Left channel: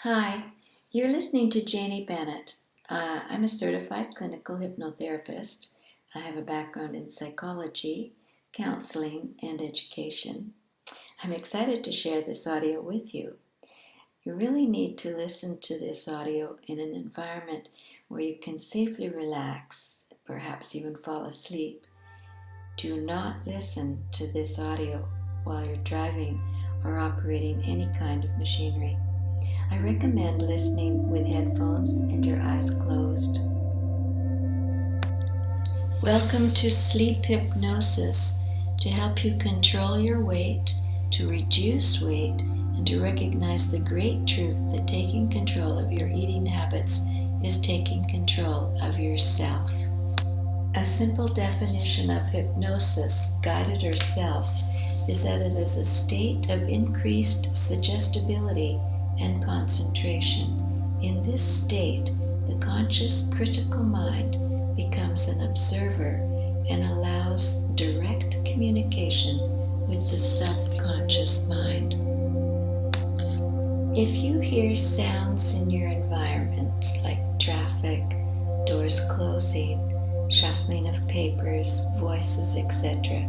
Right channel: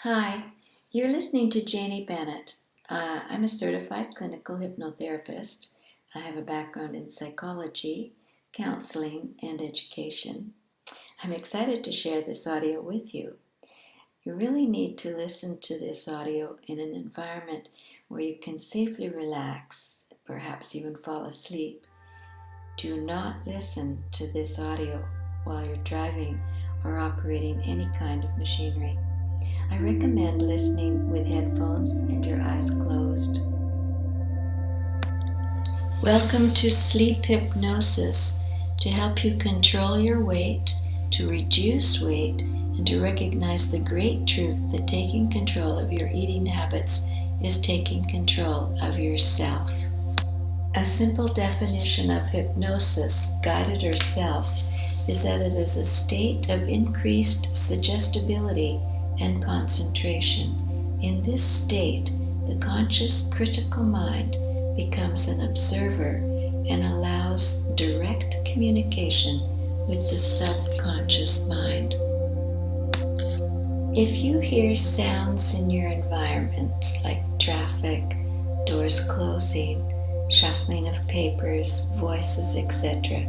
Hi, you're listening to Janey Bennett. I'm a certified clinical hypnotherapist. I have a background in psychology, counseling, and education. I'm excited to share this audio with you. You really need to listen to this audio in an environment where you can safely relax, perhaps even fall asleep. Do not listen to this audio while you're driving or operating any kind of machinery. I recommend listening with headphones and your eyes closed. Welcome to Sleep Hypnosis, to help you control your weight, to reduce weight, and to recognize the great truth that taking control of your eating habits is taking control of yourself. A simple definition of hypnosis, guided or self, is that it is a state of increased suggestibility and concentration. In this state, the conscious critical mind becomes an observer and allows direct communication with the subconscious mind. If you hear sounds in your environment like traffic, doors closing, shuffling of papers, voices, etc.,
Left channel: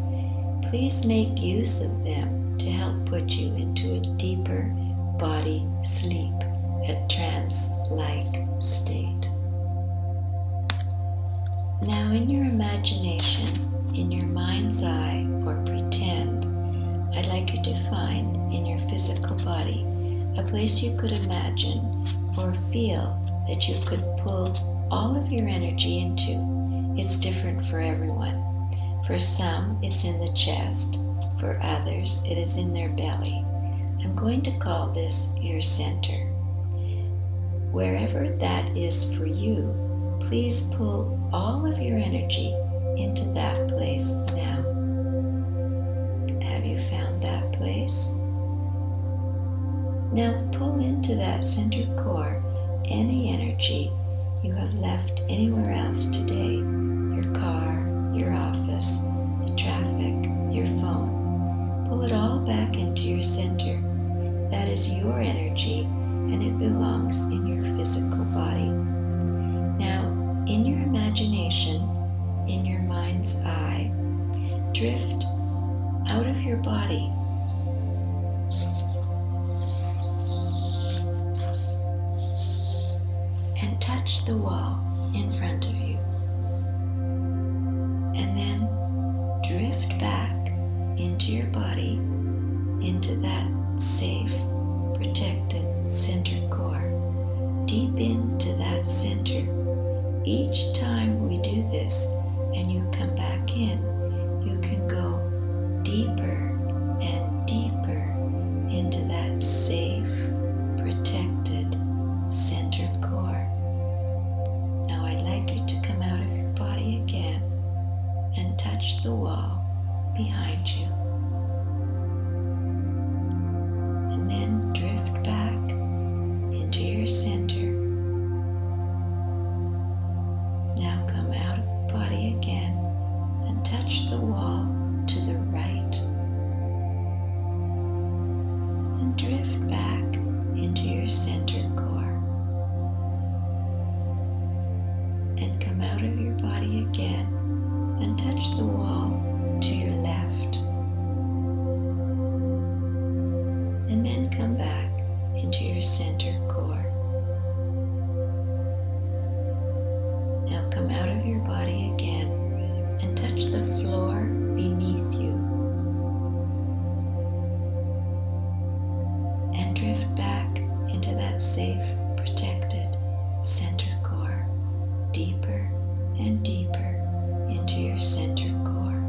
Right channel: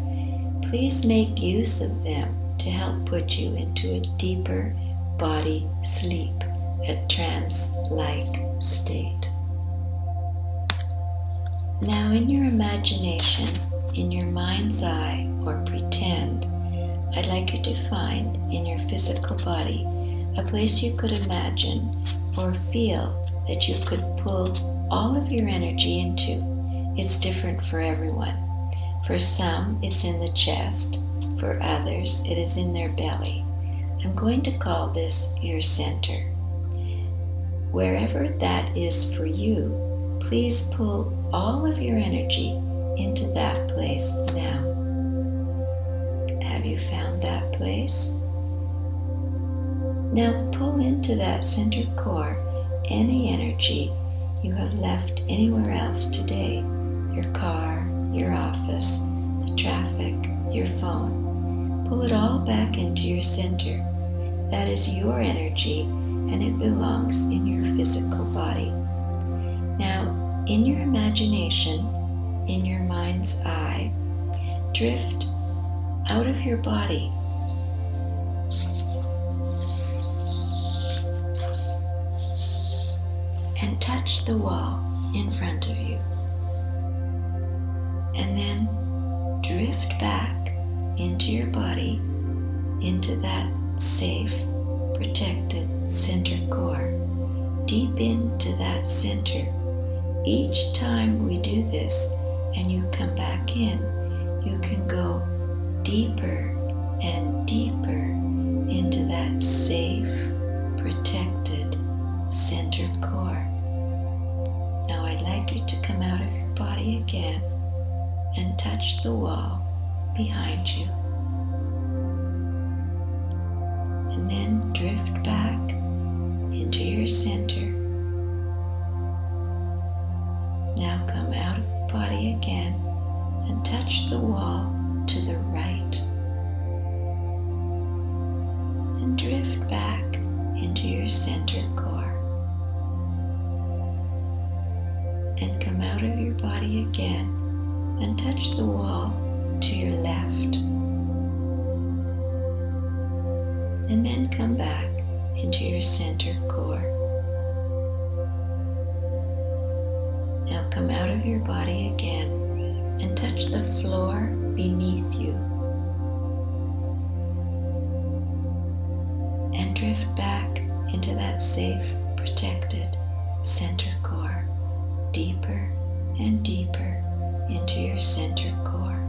please make use of them to help put you into a deeper body sleep, a trance-like state. Now, in your imagination, in your mind's eye, or pretend, I'd like you to find in your physical body a place you could imagine or feel that you could pull all of your energy into. It's different for everyone. For some, it's in the chest. For others, it is in their belly. I'm going to call this your center. Wherever that is for you, please pull all of your energy into that place now. Have you found that place? Now pull into that center core any energy you have left anywhere else today. Your car, your office, the traffic, your phone. Pull it all back into your center. That is your energy, and it belongs in your physical body. Now, in your imagination, in your mind's eye, drift out of your body. And touch the wall in front of you. And then drift back into your body, into that safe, protected center core, deep into that center. Each time we do this and you come back in, you can go deeper and deeper into that safe, protected center core. Now I'd like you to come out of your body again and touch the wall behind you. And then drift back into your center. Now come out of the body again and touch the wall to the right. And drift back into your center core. And come out of your body again and touch the wall to your left. And then come back into your center core. Now come out of your body again and touch the floor beneath you. And drift back into that safe, protected center core, deeper and deeper into your center core.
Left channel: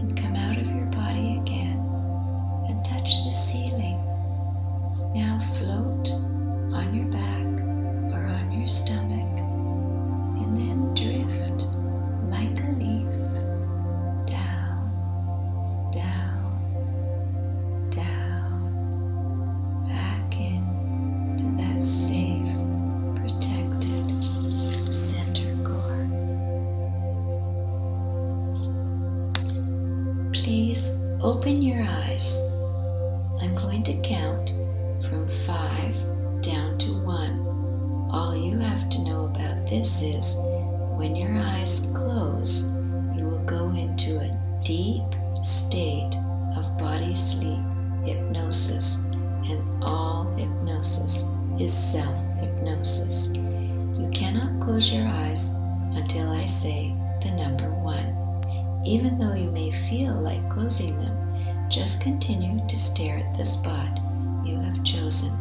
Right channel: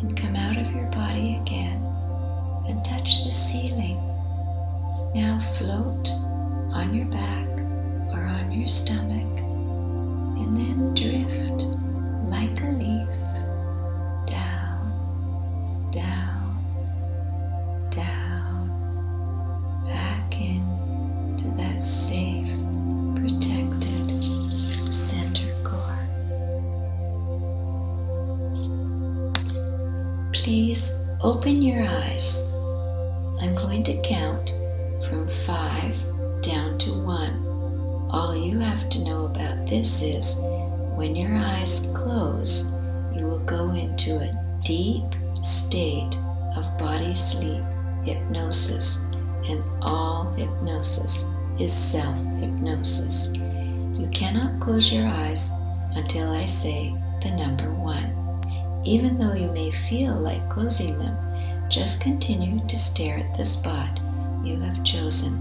And come out of your body again and touch the ceiling. Now float on your back or on your stomach, and then drift like a leaf down, down, down, back into that safe, protected center core. Please open your eyes. I'm going going to count from 5 down to 1. All you have to know about this is when your eyes close, you will go into a deep state of body sleep, hypnosis, and all hypnosis is self-hypnosis. You cannot close your eyes until I say the number 1. Even though you may feel like closing them, just continue to stare at the spot you have chosen.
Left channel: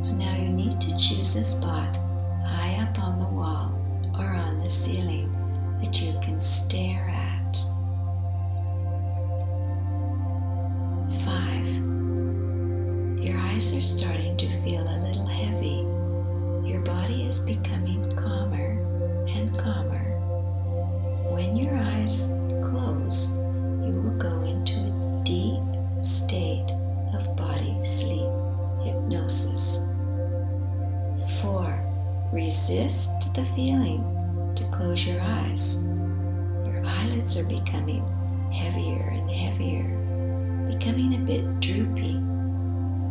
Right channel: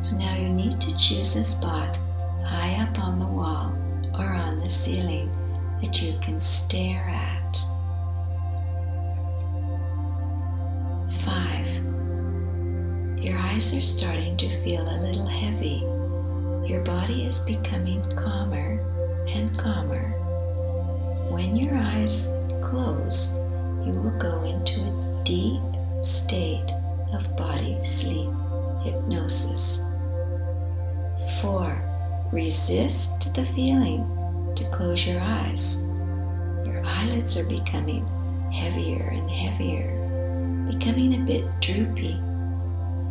So now you need to choose a spot high up on the wall or on the ceiling that you can stare at. 5. Your eyes are starting to feel a little heavy. Your body is becoming calmer and calmer. When your eyes close, you will go into a deep state of body sleep, hypnosis. 4. Resist the feeling to close your eyes. Your eyelids are becoming heavier and heavier, becoming a bit droopy.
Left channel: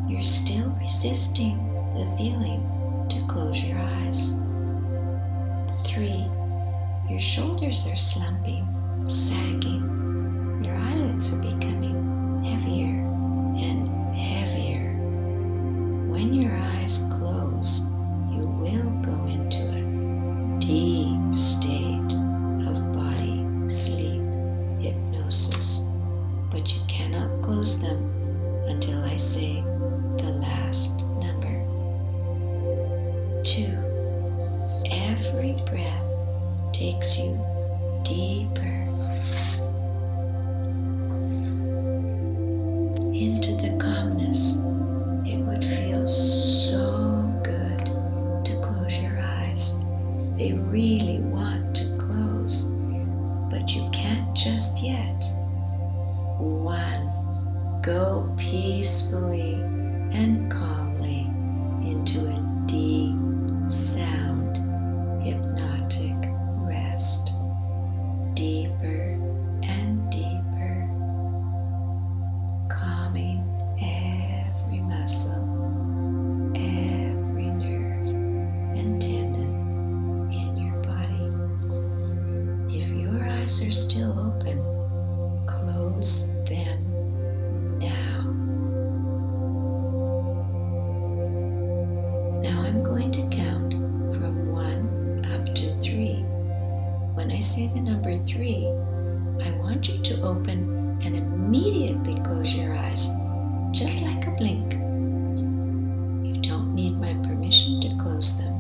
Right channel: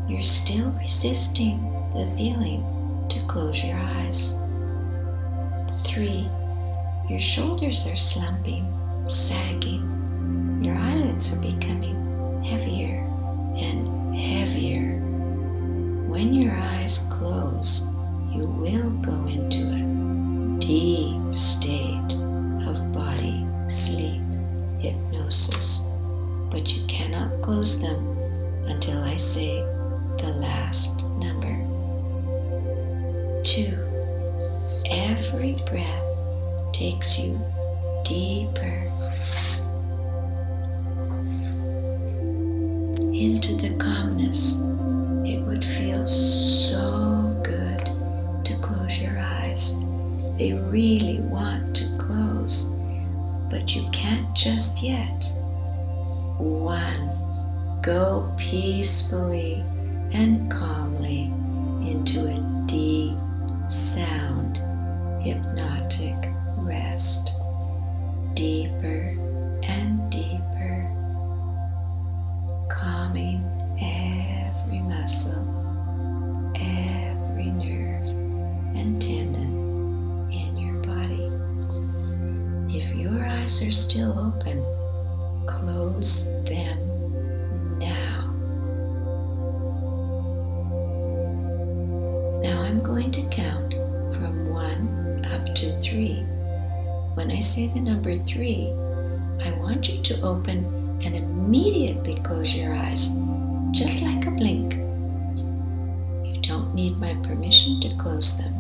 You're still resisting the feeling to close your eyes. 3. Your shoulders are slumping, sagging. Your eyelids are becoming heavier and heavier. When your eyes close, you will go into a deep state of body sleep, hypnosis. But you cannot close them until I say the last number. 2. Every breath takes you deeper into the calmness. It would feel so good to close your eyes. They really want to close, but you can't just yet. 1. Go peacefully and calmly into a deep, sound, hypnotic rest. Deeper and deeper, calming every muscle, every nerve and tendon in your body. If your eyes are still open, close them now. Now I'm going to count from 1 up to 3. When I say the number 3, I want you to open and immediately close your eyes, just like a blink. You don't need my permission to close them.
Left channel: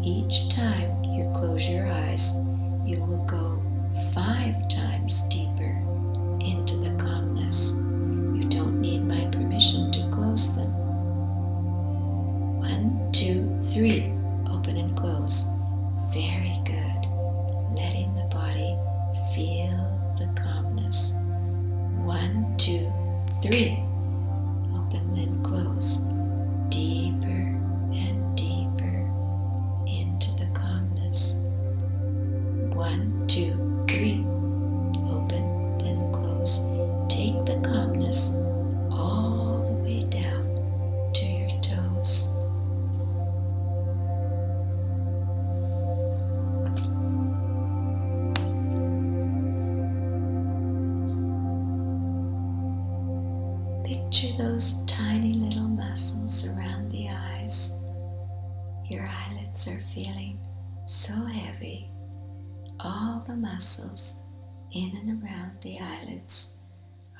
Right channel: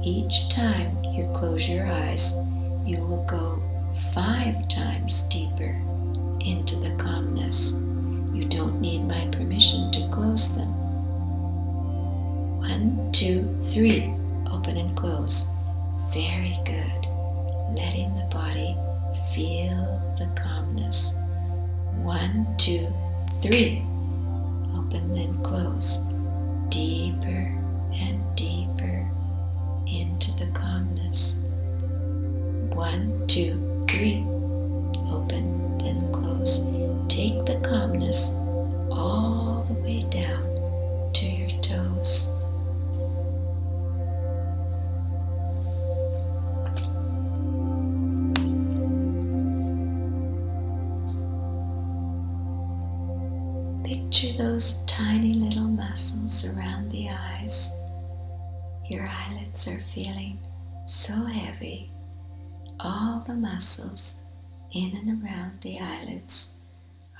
Each time you close your eyes, you will go 5 times deeper into the calmness. You don't need my permission to close them. 1, 2, 3. Open and close. Very good. Letting the body feel the calmness. 1, 2, 3. Open, then close. Deeper and deeper into the calmness. 1, 2, 3. Open, then close. Take the calmness all the way down to your toes. Picture those tiny little muscles around the eyes. Your eyelids are feeling so heavy. All the muscles in and around the eyelids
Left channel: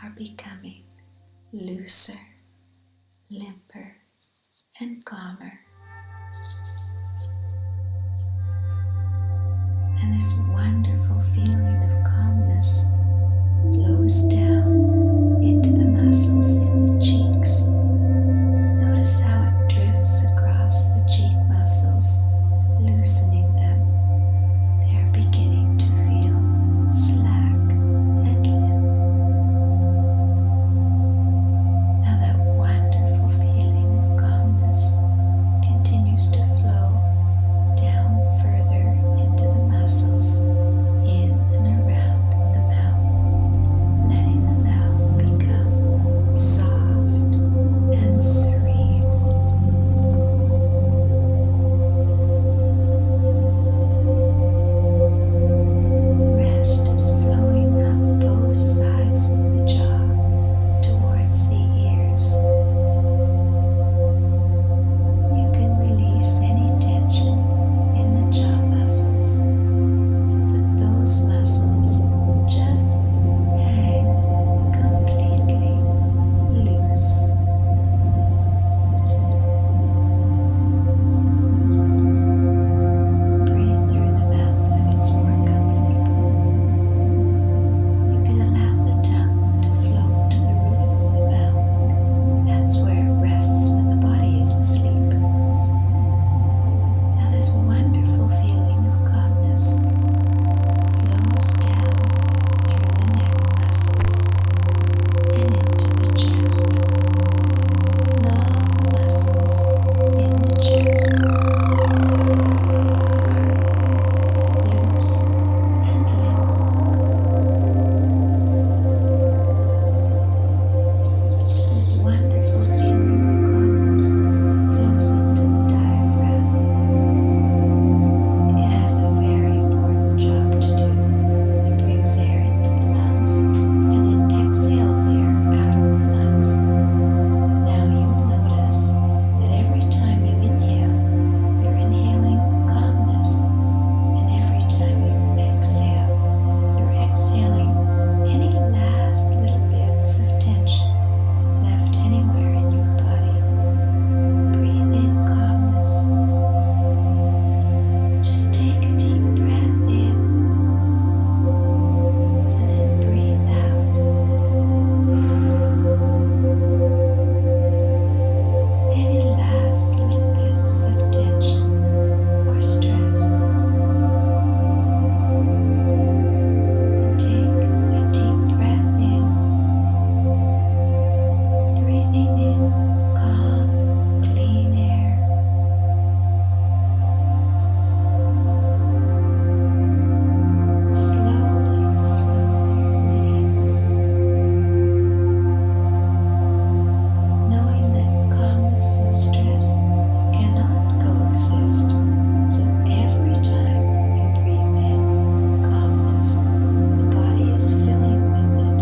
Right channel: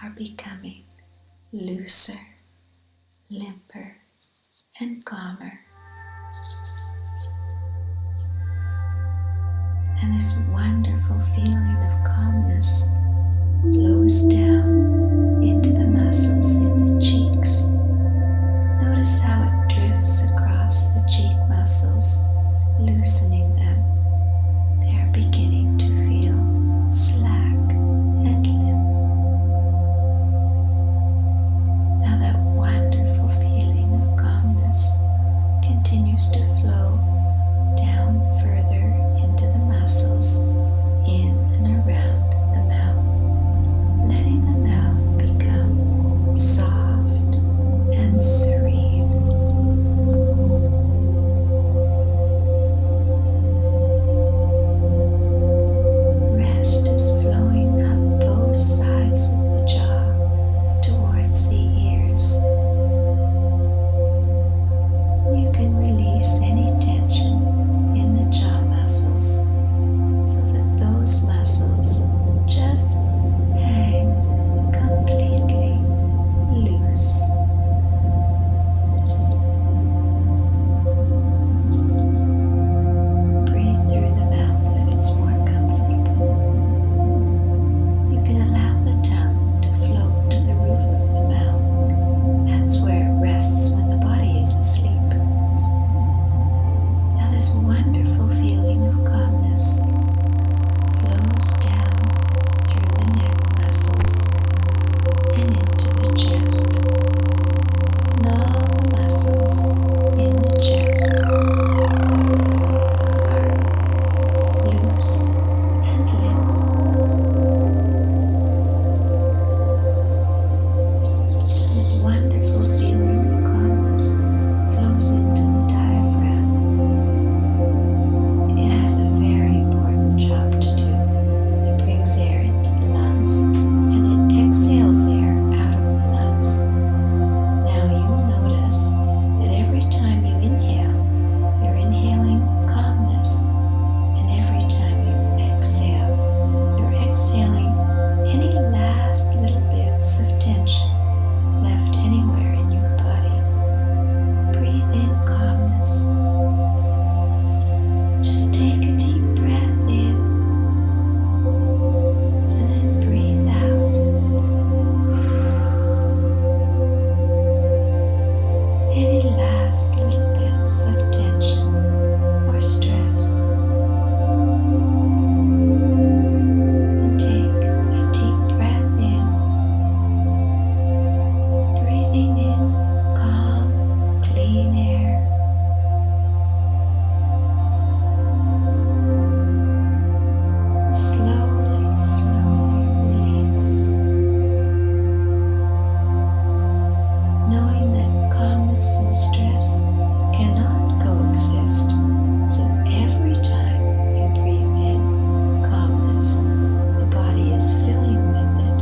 are becoming looser, limper, and calmer. And this wonderful feeling of calmness flows down into the muscles in the cheeks. Notice how it drifts across the cheek muscles, loosening them. They are beginning to feel slack and limp. Now that wonderful feeling of calmness continues to flow down further into the muscles in and around the mouth, letting the mouth serene. Rest is flowing up both sides of the jaw towards the ears. You can release any tension in the jaw muscles so that those muscles just hang completely loose. Breathe through the mouth if it's more comfortable. You can allow the tongue to float to the roof of the mouth. That's where it rests when the body is asleep. Now this wonderful feeling of calmness flows down through the neck muscles and into the chest. And all the muscles in the chest are loose and limp. This wonderful feeling of calmness flows into the diaphragm. It has a very important job to do. It brings air into the lungs and it exhales air out of the lungs. Now you'll notice that every time you inhale, you're inhaling calmness, and every time you exhale, you're exhaling any last little bits of tension left anywhere in your body. Breathe in calmness. Just take a deep breath in and then breathe out. Any last little bits of tension or stress. And take a deep breath in, breathing in calm, clean air. Slowly, slowly release, knowing that calmness and stress cannot coexist. So every time you breathe in calmness, the body is filling with it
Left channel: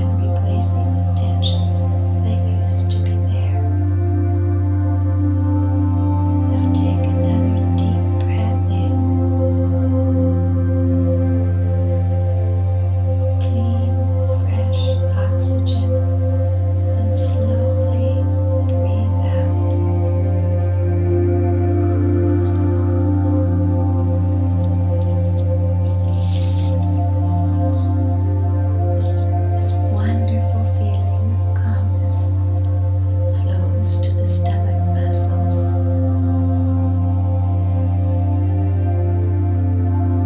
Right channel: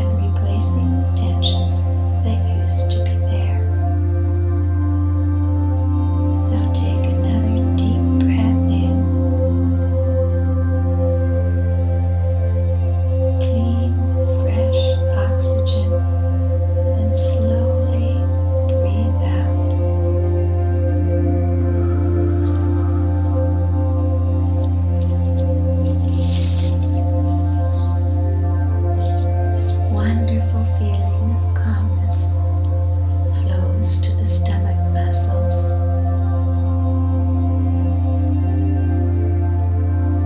and replacing the tensions that used to be there. Now take another deep breath in. Clean, fresh oxygen, and slowly breathe out. This wonderful feeling of calmness flows to the stomach muscles.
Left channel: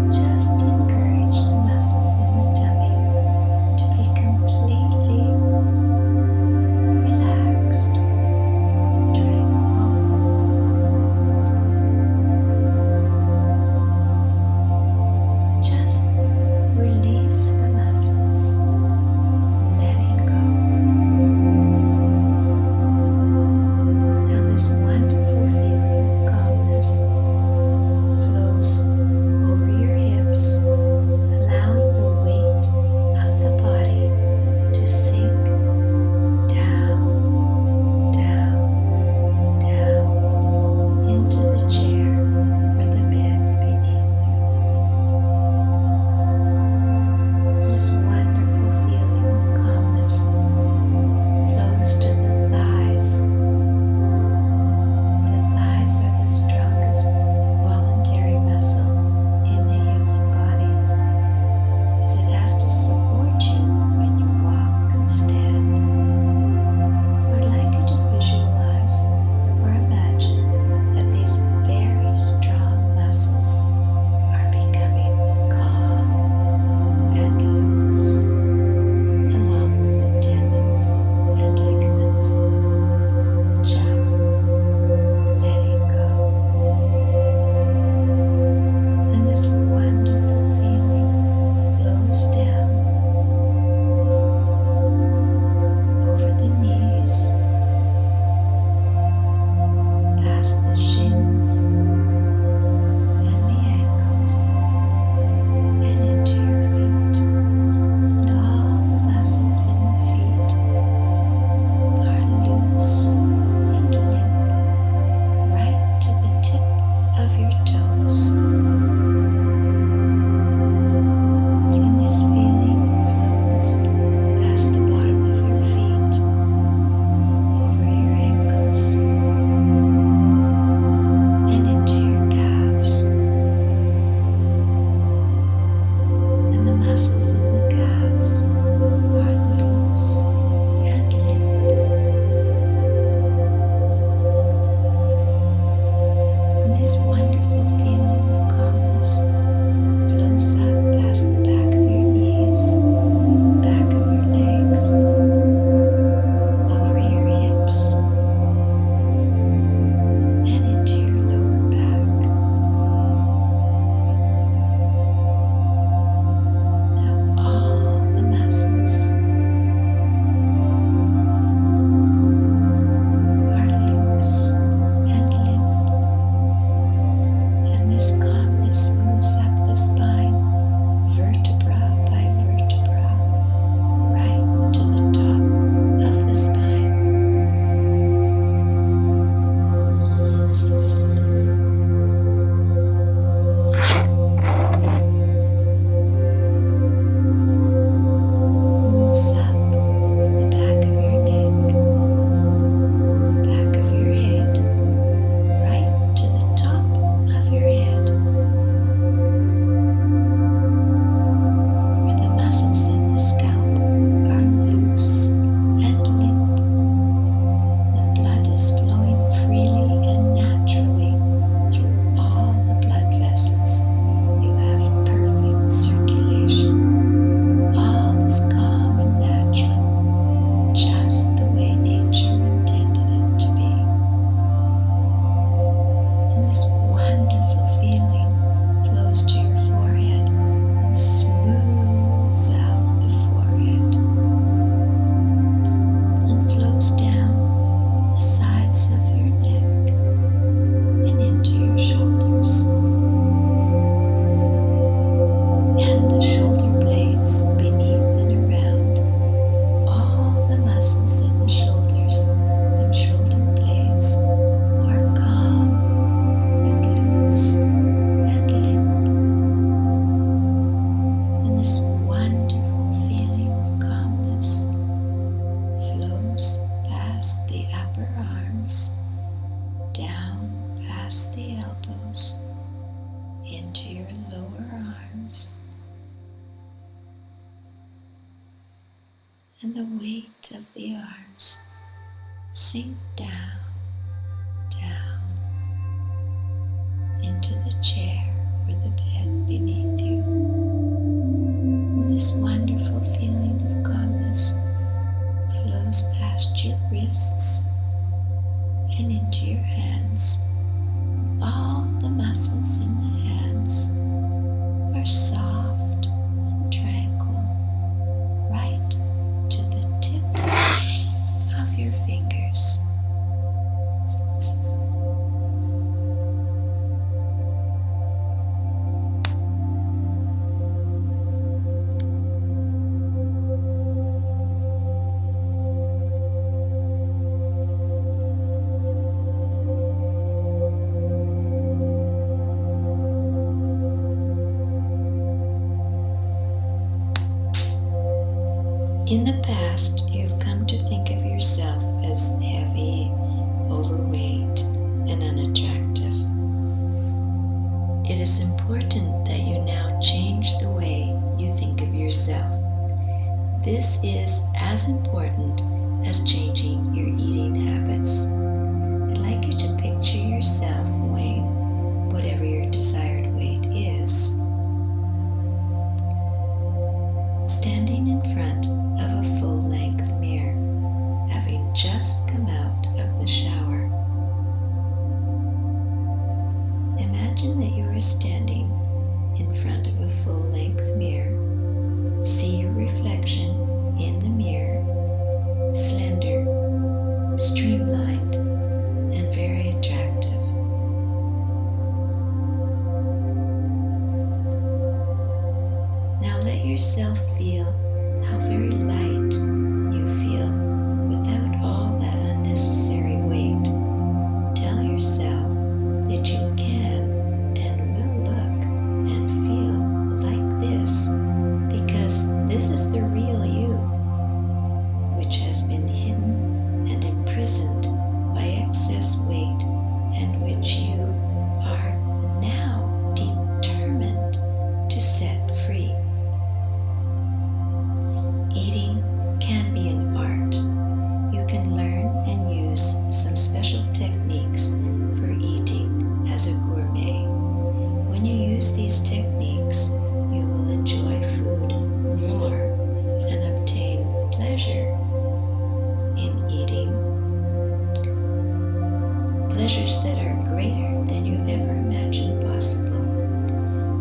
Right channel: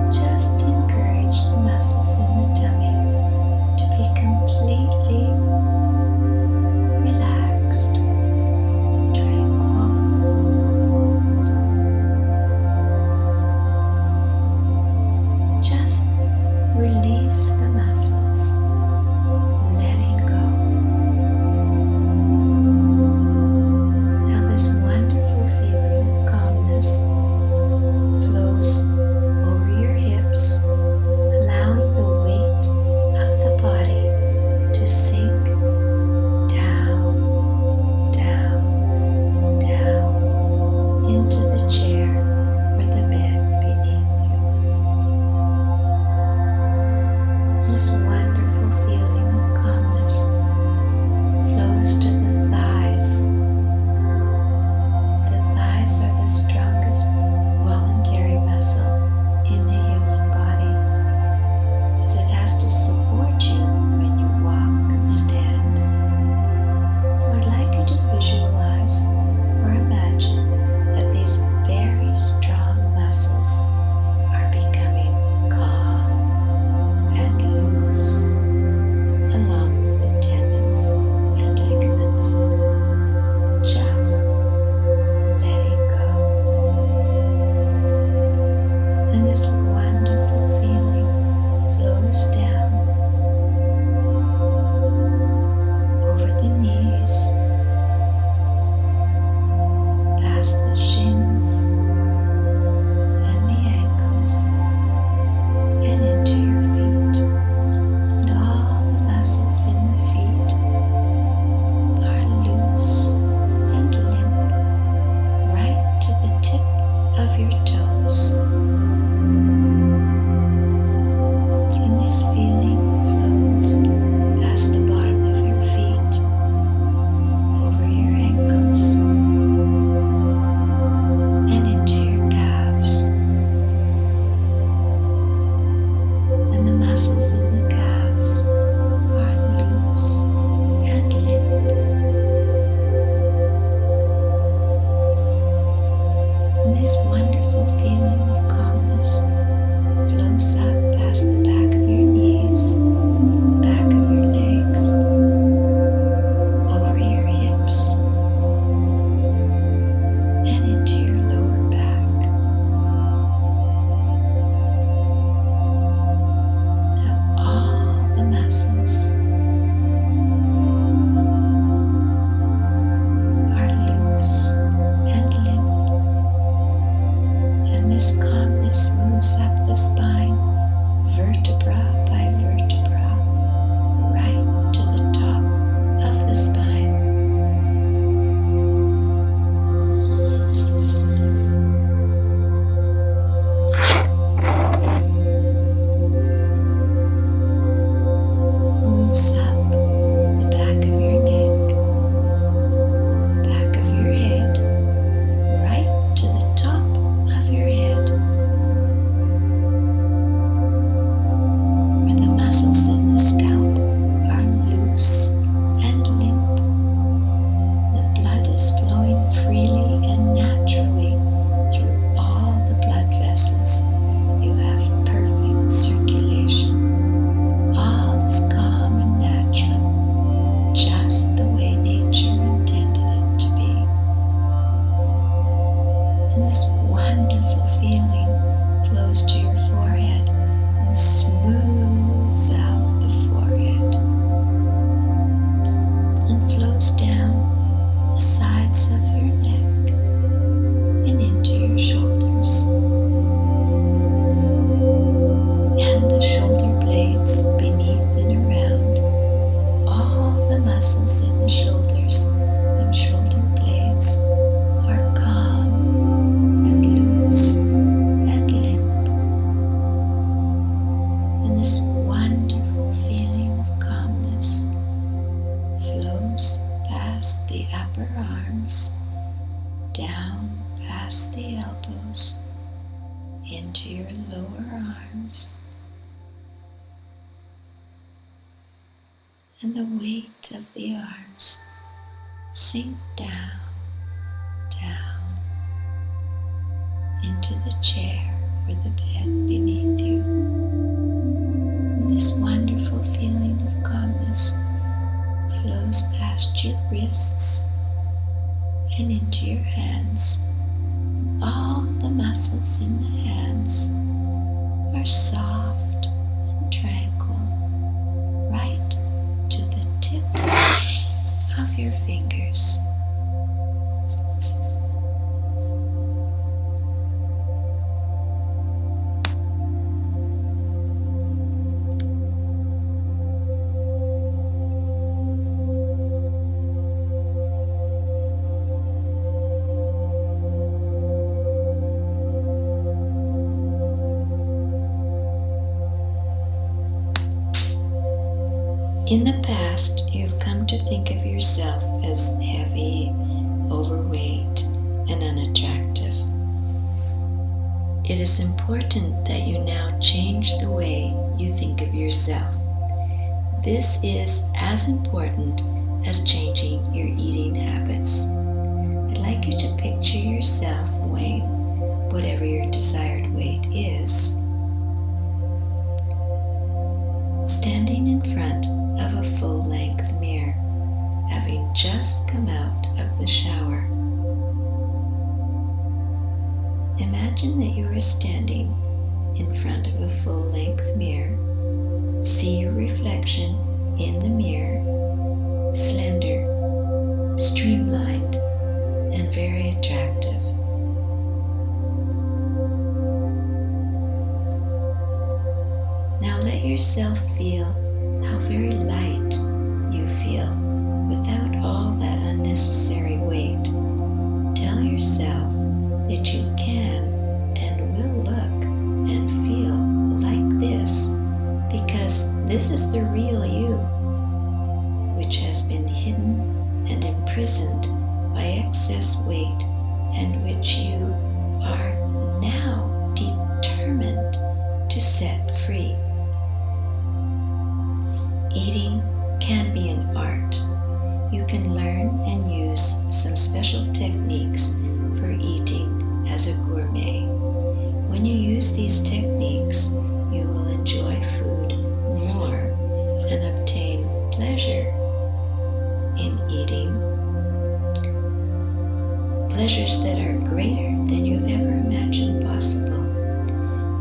Just encourage the muscles in the tummy to be completely relaxed, tranquil. Just release the muscles, letting go. Now this wonderful feeling of calmness flows over your hips, allowing the weight of the body to sink down, down, down into the chair or the bed beneath you. This wonderful feeling of calmness flows to the thighs. The thighs are the strongest voluntary muscle in the human body, as it has to support you when you walk and stand. So I'd like you to visualize or imagine that these very strong muscles are becoming calm and loose, along with the tendons and ligaments. Just letting go. And this wonderful feeling flows down over the knees, and the weight of the arms sink down, down into the chair or the bed beneath you. And this wonderful feeling of calmness flows past your wrists and into your hands. All the muscles in the hands are soft and tranquil, right to the tip of your fingers. In the past, you've come to think of yourself as heavy, overweight, and unattractive. It is important that you now change the way you think of yourself. This is as important as changing your eating habits. I'd like you to picture yourself weighing whatever your desired weight is, standing in front of a full-length mirror, having just come out of the shower. Imagine that you are standing in front of a full-length mirror. See your reflection in the mirror, slender, streamlined, and very attractive. Now let yourself feel how very light you feel without all that unnecessary weight. Tell yourself that you can and will look and feel like this because this is the real you, which has been hidden and imprisoned by excess weight and which you are now determined to set free. Eating can be an art. You can learn and use some special techniques for eating as a gourmet. When you use these techniques, you will enjoy food more and obtain pleasure in eating. Pleasures that are greater than you've ever imagined possible.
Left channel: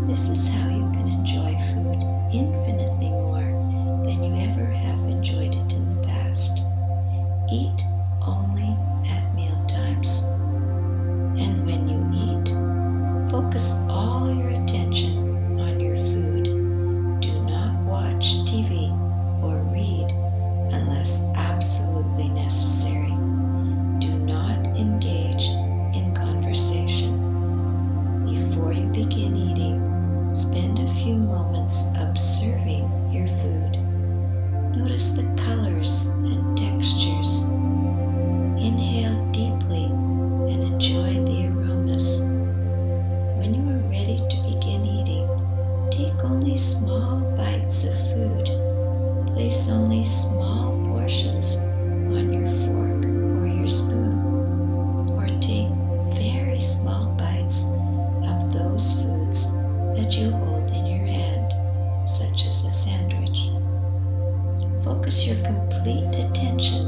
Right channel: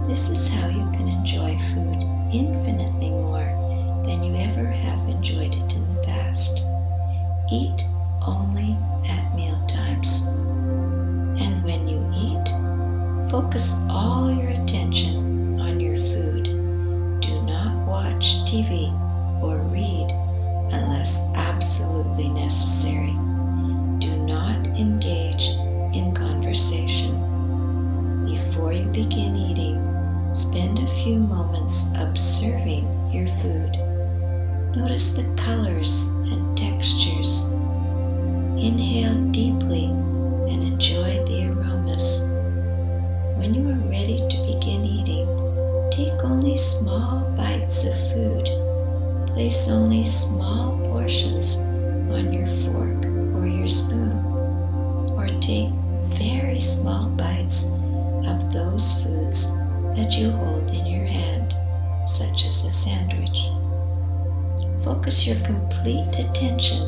This is how you can enjoy food infinitely more than you ever have enjoyed it in the past. Eat only at meal times. And when you eat, focus all your attention on your food. Do not watch TV or read unless absolutely necessary. Do not engage in conversation. Before you begin eating, spend a few moments observing your food. Notice the colors and textures. Inhale deeply and enjoy the aromas. When you are ready to begin eating, take only small bites of food. Place only small portions on your fork or your spoon, or take very small bites of those foods that you hold in your hand, such as a sandwich. Focus your complete attention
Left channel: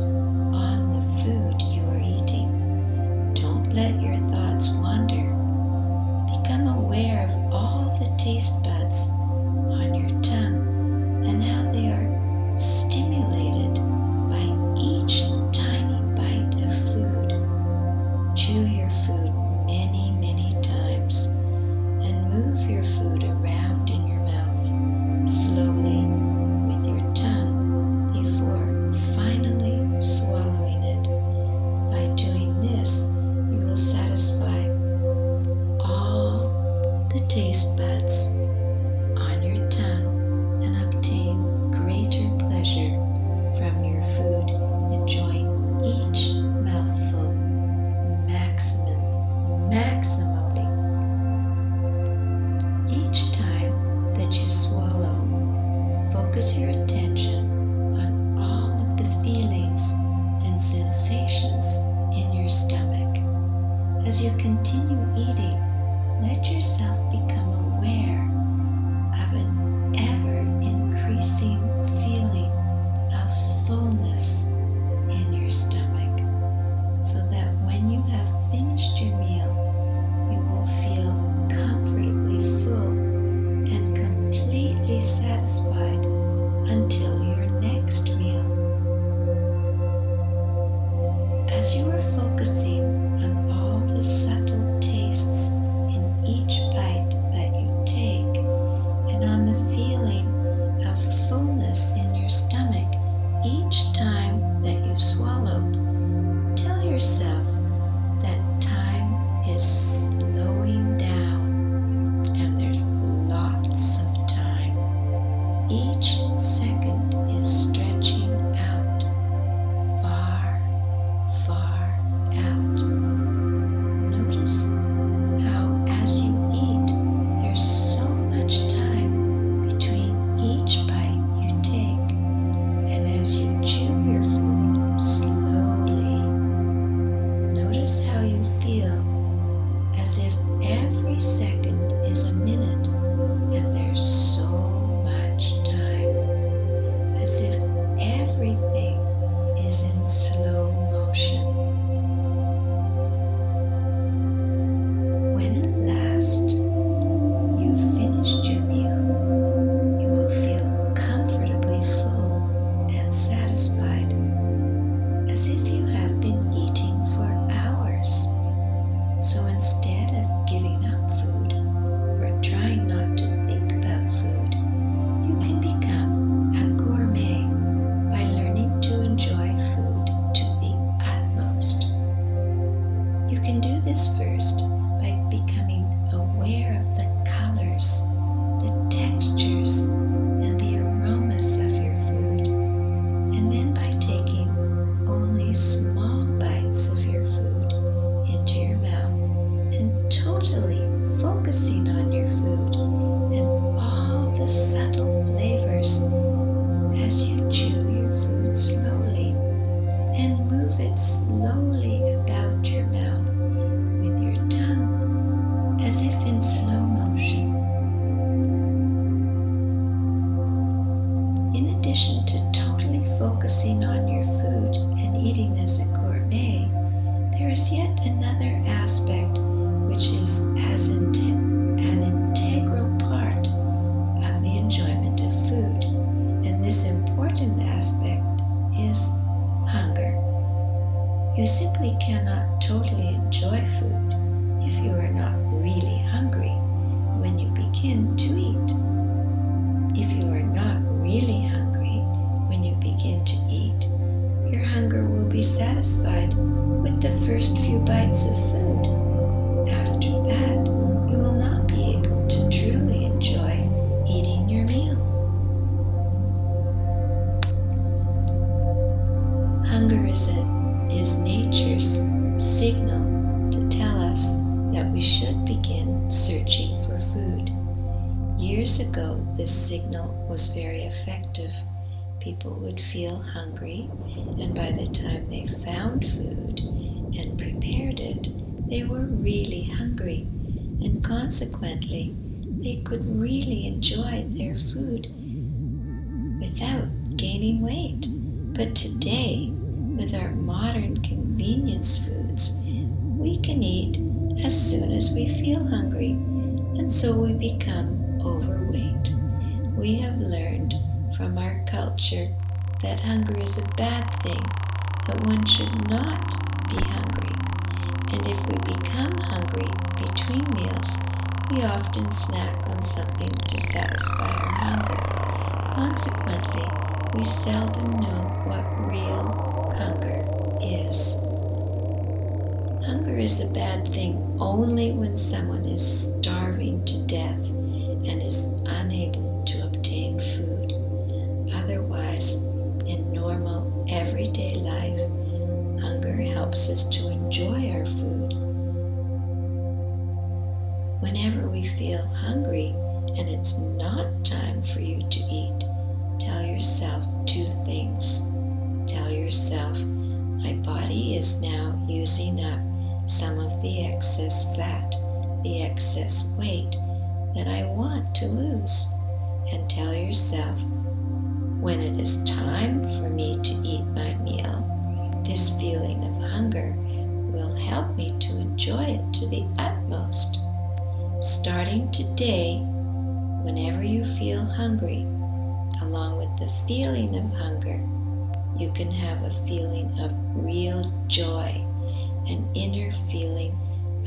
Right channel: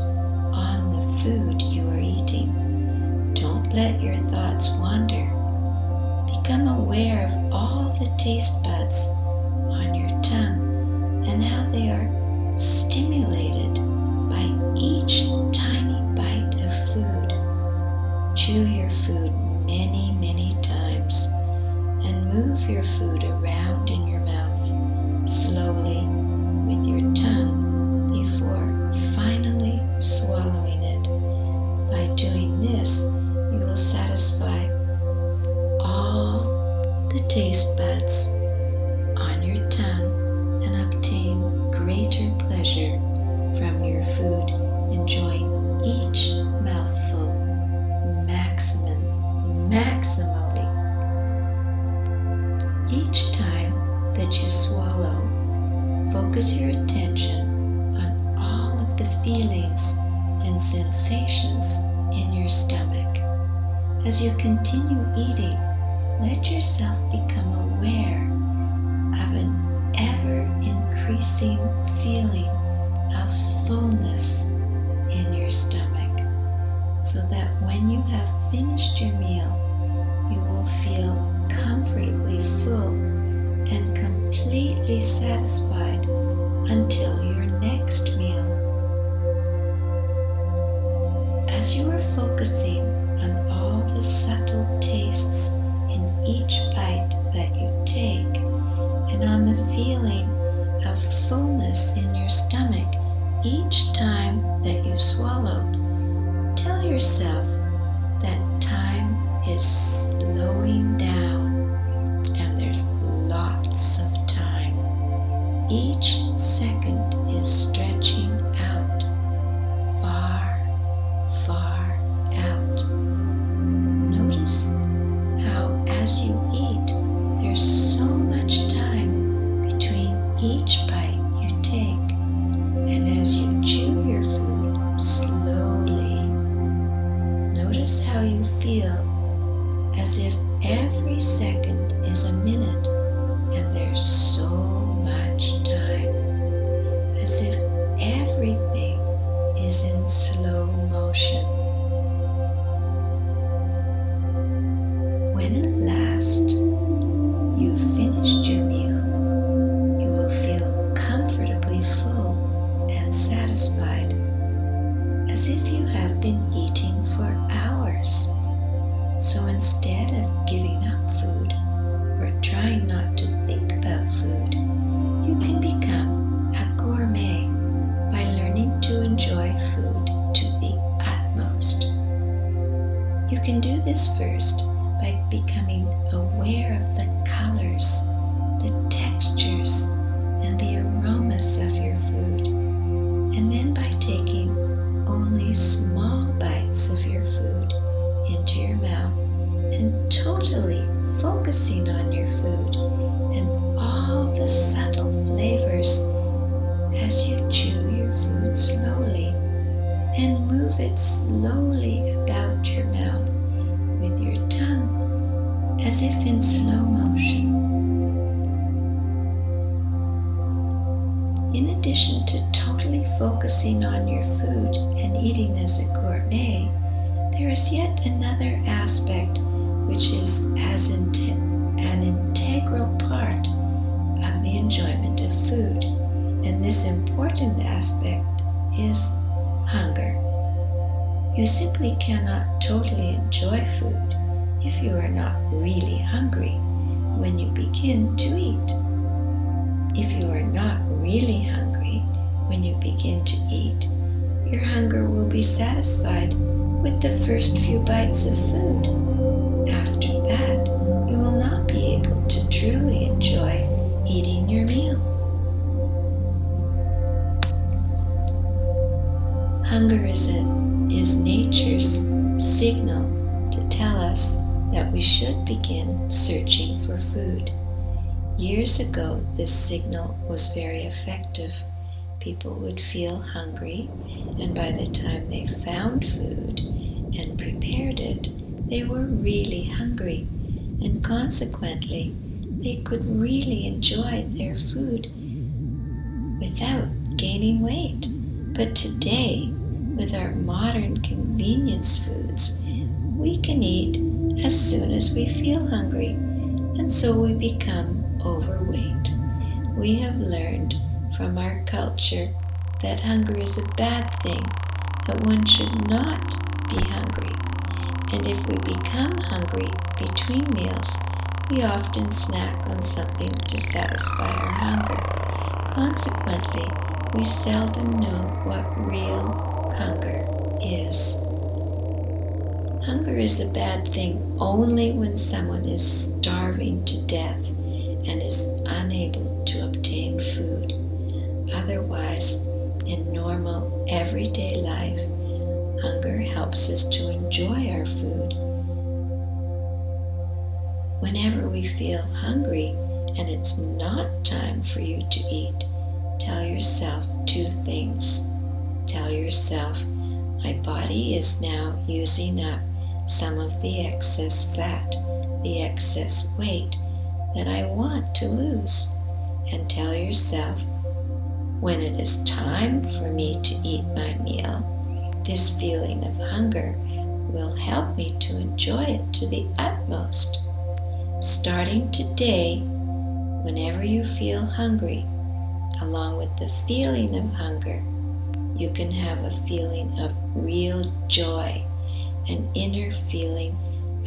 on the food you are eating. Don't let your thoughts wander. Become aware of all the taste buds on your tongue and how they are stimulated by each tiny bite of food. Chew your food many, many times and move your food around in your mouth slowly with your tongue before finally swallowing it. By doing this, you will satisfy all the taste buds on your tongue and obtain greater pleasure from your food, enjoying each mouthful maximally. Each time that you swallow, focus your attention on all sensations in your stomach. As you continue eating, let yourself become aware of an ever-increasing feeling of fullness in your stomach, so that when you have finished your meal, you will feel comfortably full and completely satisfied until your next meal. As you are focusing on all the subtle tastes in each bite that you take, and on the feeling of fullness in your stomach each time that you swallow, tell yourself that time is slowing down and there's lots of time. Each second is stretching out, far, far out. Notice how as you eat, there's so much time between each bite you take, and as you chew your food slowly, notice how you feel as if every second is a minute and there's so much time, as if everything is in slow motion. When at last you've finished your meal, you will feel comfortably full and satisfied, as if you have been eating for hours. So instead of giving up food or trying not to think about food, you can become a gourmet by learning to enjoy food to the utmost. You can do this first by becoming aware of the colors, the textures, and the aromas of your food, and then by taking only small bites of your food into your mouth and totally focusing on your food and all the subtle flavors as you chew your food slowly and move it slowly about your mouth with your tongue as if in slow motion. In addition to totally focusing on your food and eating as a gourmet, there is yet another aspect which is as an integral part of the enjoyment of food, and this important aspect is hunger. You simply cannot totally enjoy food if you are not really hungry when you begin to eat. If you are not really hungry when you begin to eat, your hunger will be satisfied with the first few bites of food. After that, you will not be able to truly enjoy eating your meal. Hunger is nature's signal to tell us that we should begin searching for food. Years ago, this signal was very effective. People would feel hungry, and by the time they found food and prepared it, they were really hungry, and consequently, they could really enjoy their food without gaining weight. But today, with our modern convenience foods, we can eat as soon as we feel hungry, and so we become overweight. We have learned from our culture that hunger is a bad thing, that one should not be hungry. And if we become hungry between meals, we often snack on something to satisfy our hunger. Consequently, we seldom know what real hunger is. Hunger is a bad thing only when someone is starving to death and is unable to obtain food. Otherwise, in normal, everyday life, hunger helps us to enjoy our food. Whenever we feel hungry and it's not time for you to eat, tell yourself two things. Tell yourself, My body is now using up some of the excess fat, the excess weight that I want to lose. And tell yourself, when it is time for me to eat my meal, this feeling of hunger will help me to enjoy it to the utmost. Starting today, whenever you feel hungry, along with the feeling of hunger, you can have a feeling of real joy, an inner feeling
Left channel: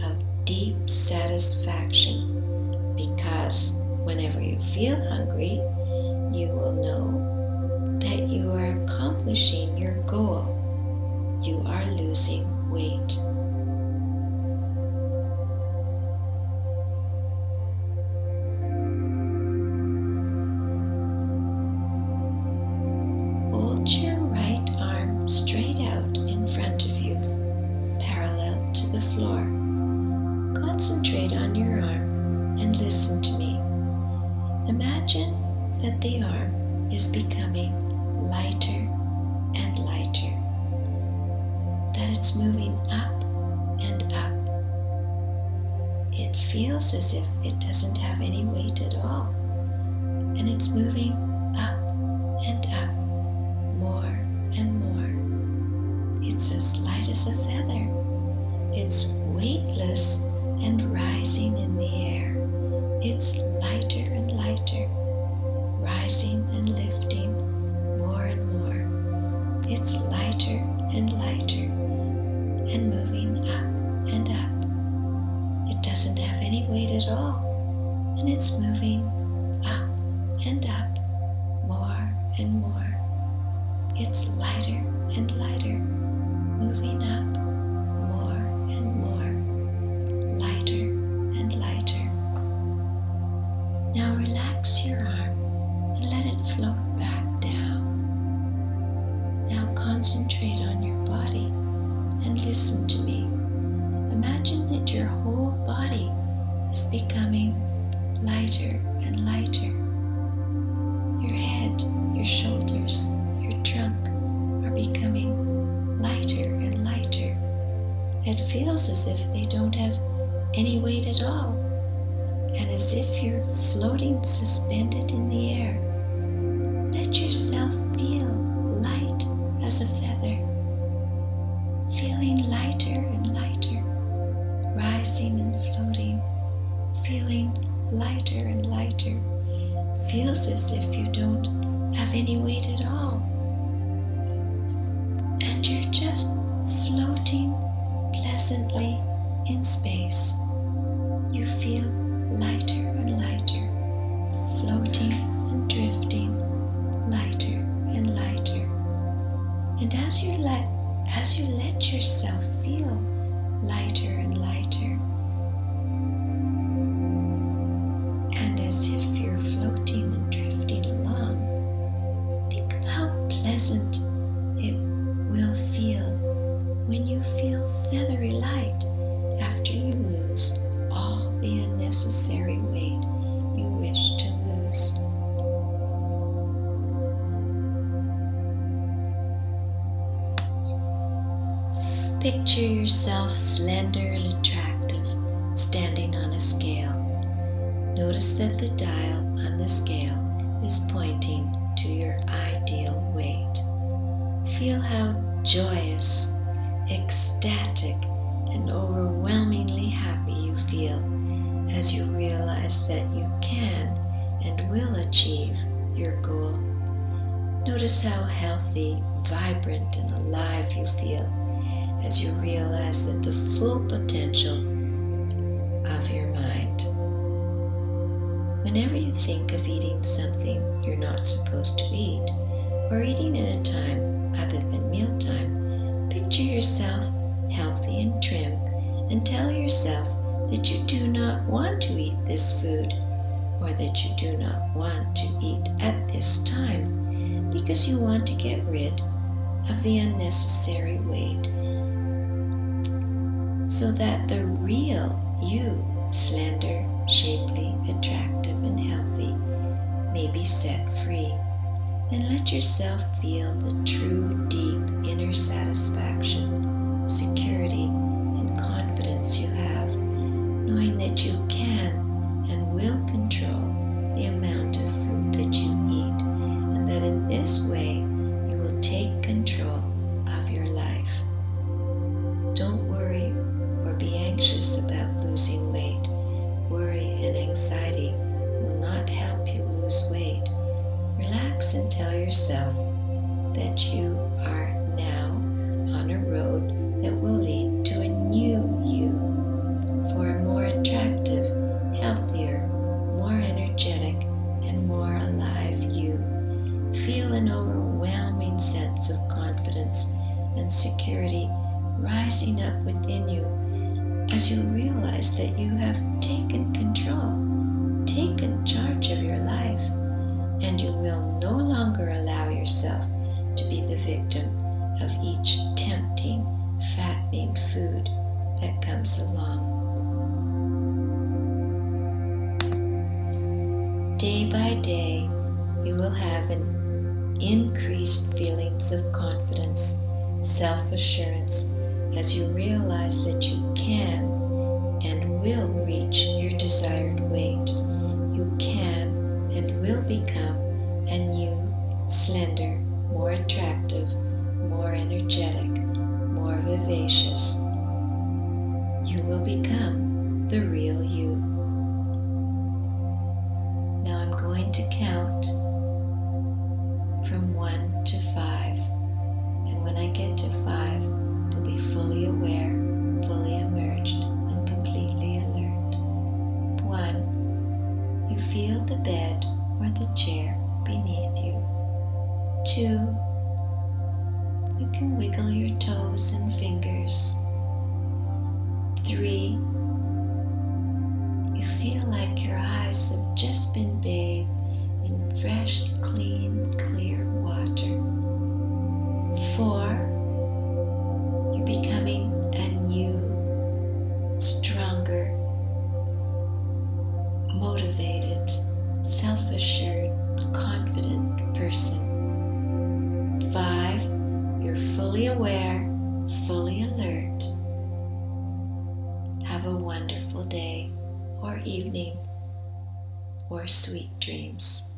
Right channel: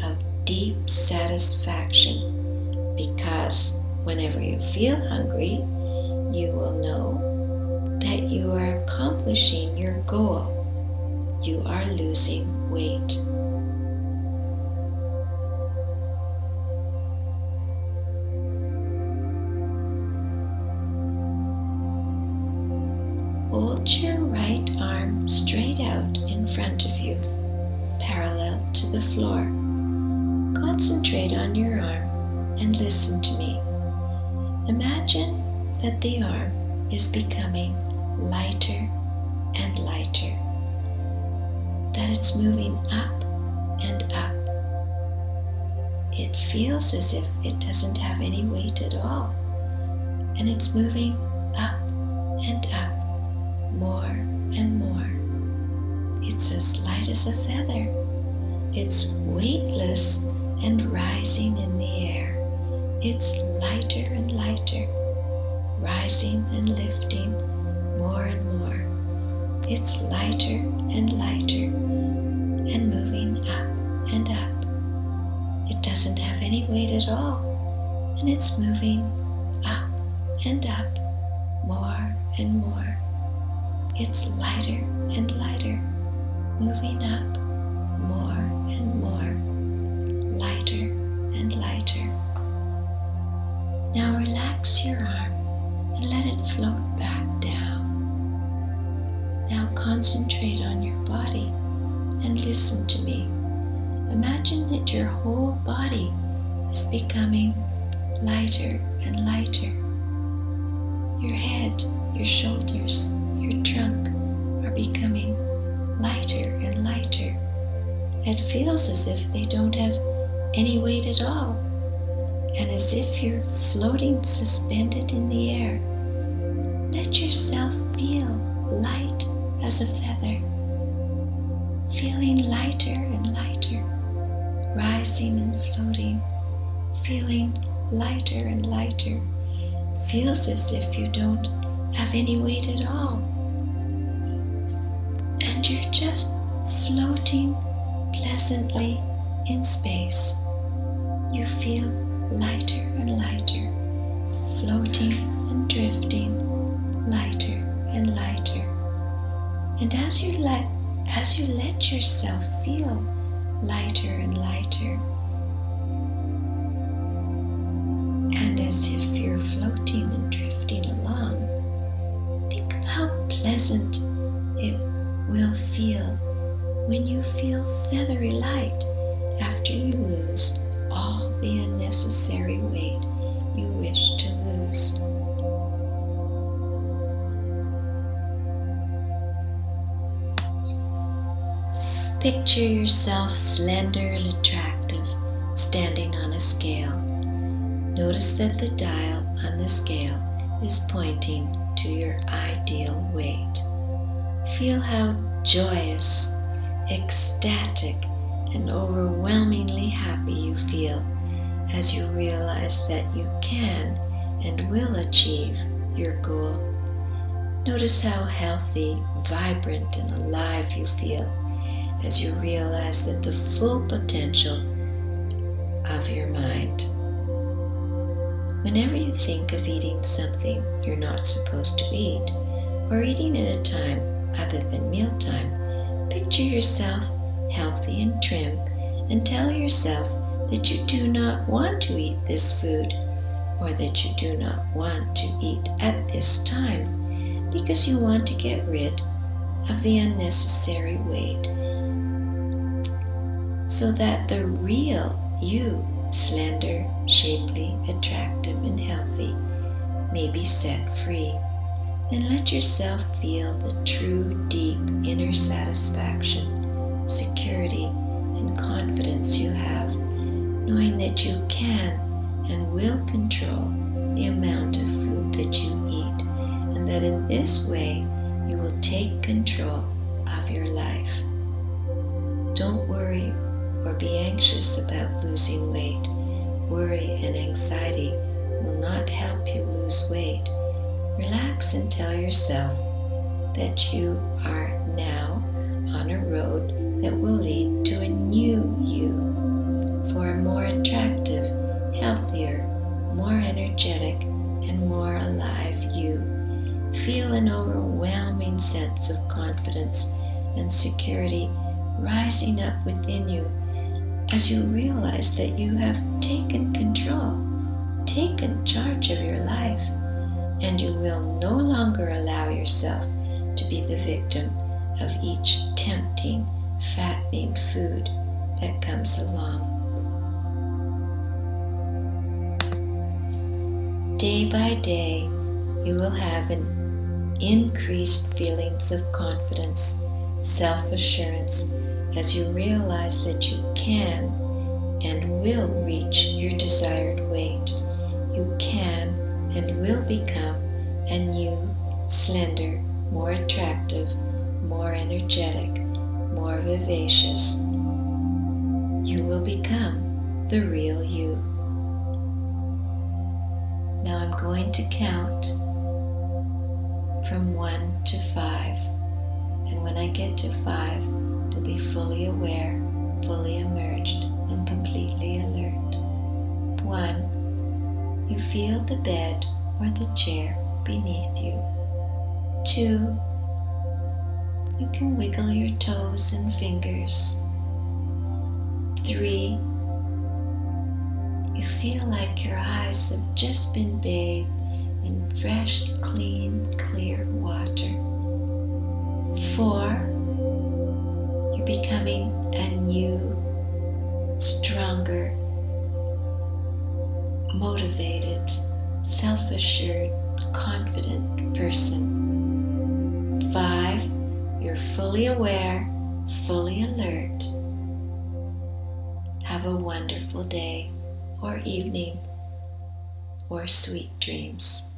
of deep satisfaction, because whenever you feel hungry, you will know that you are accomplishing your goal. You are losing weight. Hold your right arm straight out in front of you, parallel to the floor. Concentrate on your arm and listen to me. Imagine that the arm is becoming lighter and lighter, that it's moving up and up. It feels as if it doesn't have any weight at all, and it's moving up and up, more and more. It's as light as a feather. It's weightless and rising in the air. It's lighter and lighter, rising and lifting more and more. It's lighter and lighter and moving up and up. It doesn't have any weight at all, and it's moving up and up, more and more. It's lighter and lighter, moving up more and more, lighter and lighter. Now relax your arm and let it float back down. Now concentrate on your body and listen to me. Imagine that your whole body is becoming lighter and lighter. Your head, your shoulders, your trunk are becoming lighter and lighter. It feels as if they don't have any weight at all, and as if you're floating suspended in the air. Let yourself feel light as a feather, feeling lighter and lighter, rising and floating, feeling lighter and lighter. Feels as if you don't have any weight at all, and you're just floating pleasantly in space. You feel lighter and lighter, floating and drifting, lighter and lighter. And as you let yourself feel lighter and lighter, and as if you're floating and drifting along, think of how pleasant it will feel when you feel feathery light after you lose all the unnecessary weight you wish to lose. Picture yourself slender and attractive, standing on a scale. Notice that the dial on the scale is pointing to your ideal weight. Feel how joyous, ecstatic, and overwhelmingly happy you feel as you realize that you can and will achieve your goal. Notice how healthy, vibrant, and alive you feel as you realize that the full potential of your mind. Whenever you think of eating something you're not supposed to eat, or eating at a time other than mealtime, picture yourself healthy and trim, and tell yourself that you do not want to eat this food, or that you do not want to eat at this time, because you want to get rid of the unnecessary weight, so that the real you, slender, shapely, attractive, and healthy, may be set free. Then let yourself feel the true, deep inner satisfaction, security, and confidence you have, knowing that you can and will control the amount of food that you eat, and that in this way you will take control of your life. Don't worry or be anxious about losing weight. Worry and anxiety will not help you lose weight. Relax and tell yourself that you are now on a road that will lead to a new you, for a more attractive, healthier, more energetic, and more alive you. Feel an overwhelming sense of confidence and security rising up within you as you realize that you have taken control, taken charge of your life, and you will no longer allow yourself to be the victim of each tempting, fattening food that comes along. Day by day, you will have an increased feelings of confidence, self-assurance, as you realize that you can and will reach your desired weight. You can and will become a new, slender, more attractive, more energetic, more vivacious. You will become the real you. Now I'm going to count from 1 to 5. And when I get to 5, you'll be fully aware, fully immersed, and completely alert. 1. You feel the bed or the chair beneath you. 2. You can wiggle your toes and fingers. 3. You feel like your eyes have just been bathed in fresh, clean, clear water. 4. You're becoming a new, stronger, motivated, self-assured, confident person. 5. You're fully aware, fully alert. Have a wonderful day or evening or sweet dreams.